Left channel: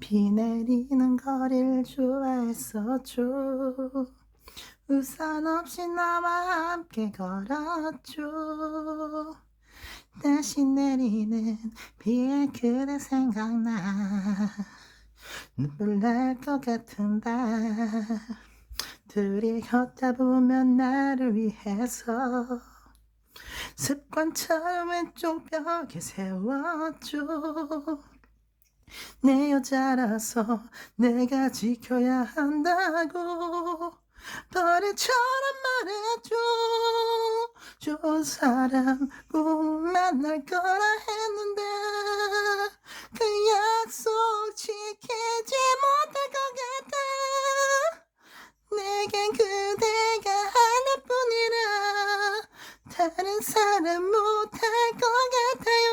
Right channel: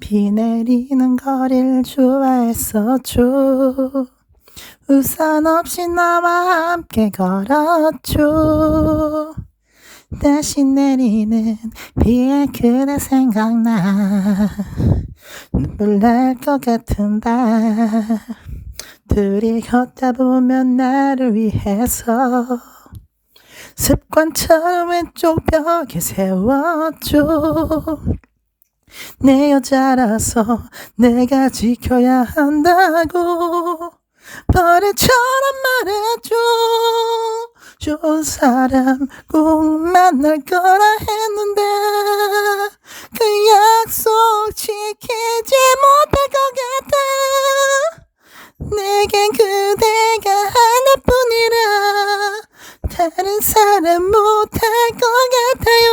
비 내리는 거리를 좋아했었죠. 우산 없이 나와 함께 걸었죠. 다시 내리는 비에 그대 생각나 눈물 날 것 같은데 둘이 걷다 보면 나를 위해서 습관처럼 왼쪽 벽에 세웠죠. 내 여자라서 내가 지켜야 한다고 버릇처럼 말해줘. 좋은 사람 꼭 만날 거라 했는데 그 약속 지키지 못할 것 같아. 내겐 그대가 하나뿐이라 다른 사람 못할 것 같아요.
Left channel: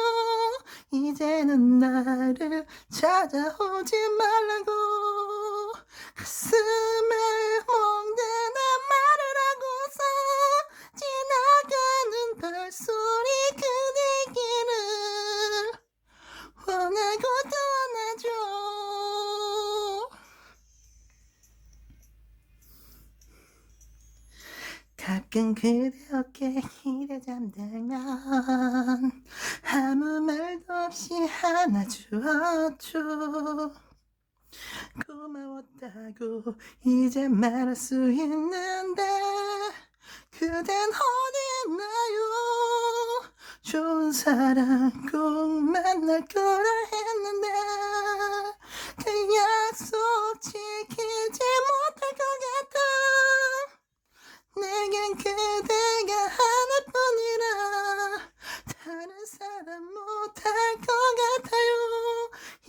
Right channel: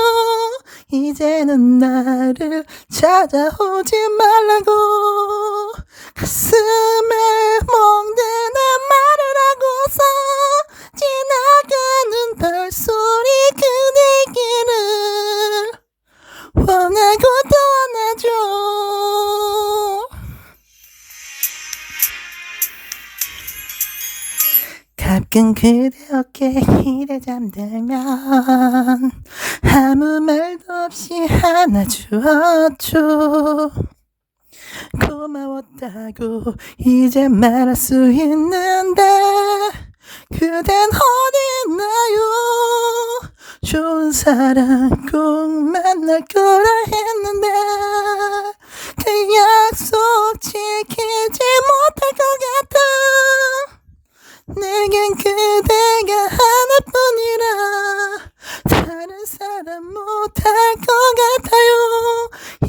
이제는 나를 찾아오지 말라고 가슴에 멍드는 말을 하고서 지나가는 발소리 그대기를 원하고 또 원하죠. 가끔 그대 어깨에 이래 잠들면 아무 말도 없이 안아주었죠. 고마웠다고 이제 말할 수 있는데 그댄 어딨나요. 좋은 사람 꼭 만날 거라 했는데 그 약속 지키지 못할 것 같아. 내겐 그대가 하나뿐이라 다른 사람 못할 것 같아요.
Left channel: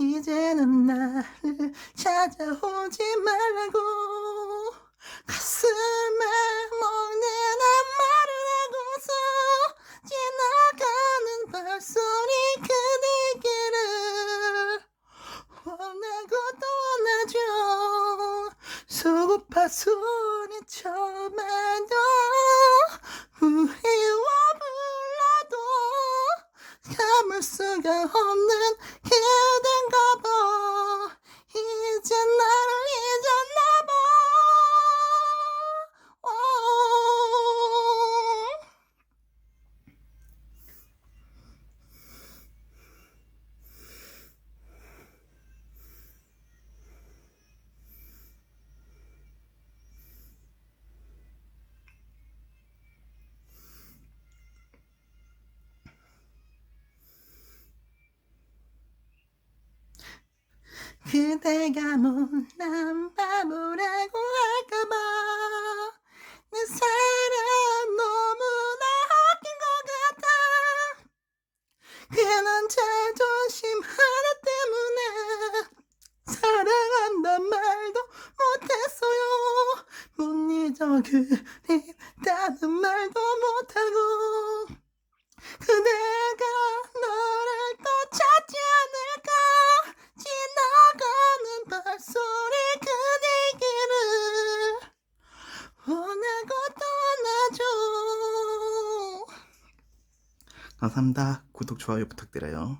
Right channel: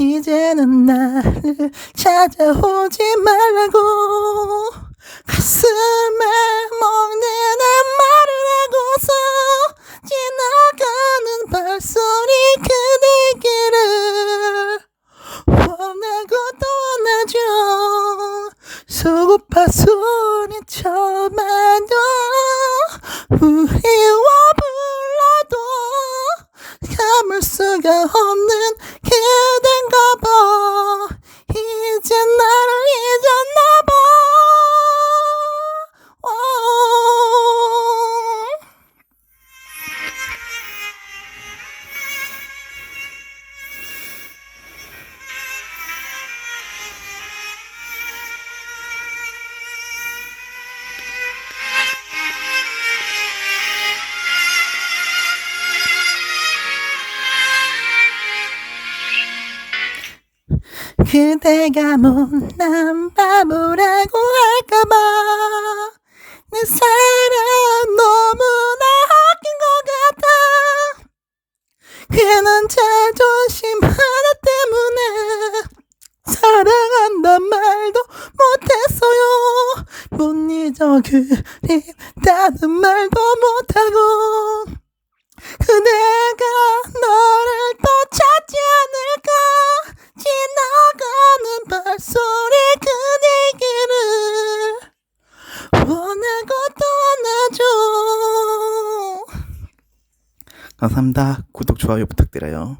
이제는 나를 찾아오지 말라고 가슴에 먹는 말을 하고서 지나가는 발소리 그대기를 원하고 또 원하죠. 속고파 소리쳐봐도 우리와 불러도 감을 수가 없는 그댄가 봐. 이제 나를 잊었나 봐. 그대가 못난 바보라고 할까봐 내 사랑 너무나 아낀 것 같아. 괜한 자존심 하나 때문에 사랑한단 말도 못했어요. 못 잊어 그립다는 말도 못하고 그대가 너를 또 찾지 않을까. 지나가는 발소리 그대기를 원하고 또 원하죠. 감사합니다. 구독, 좋아요 부탁드려요.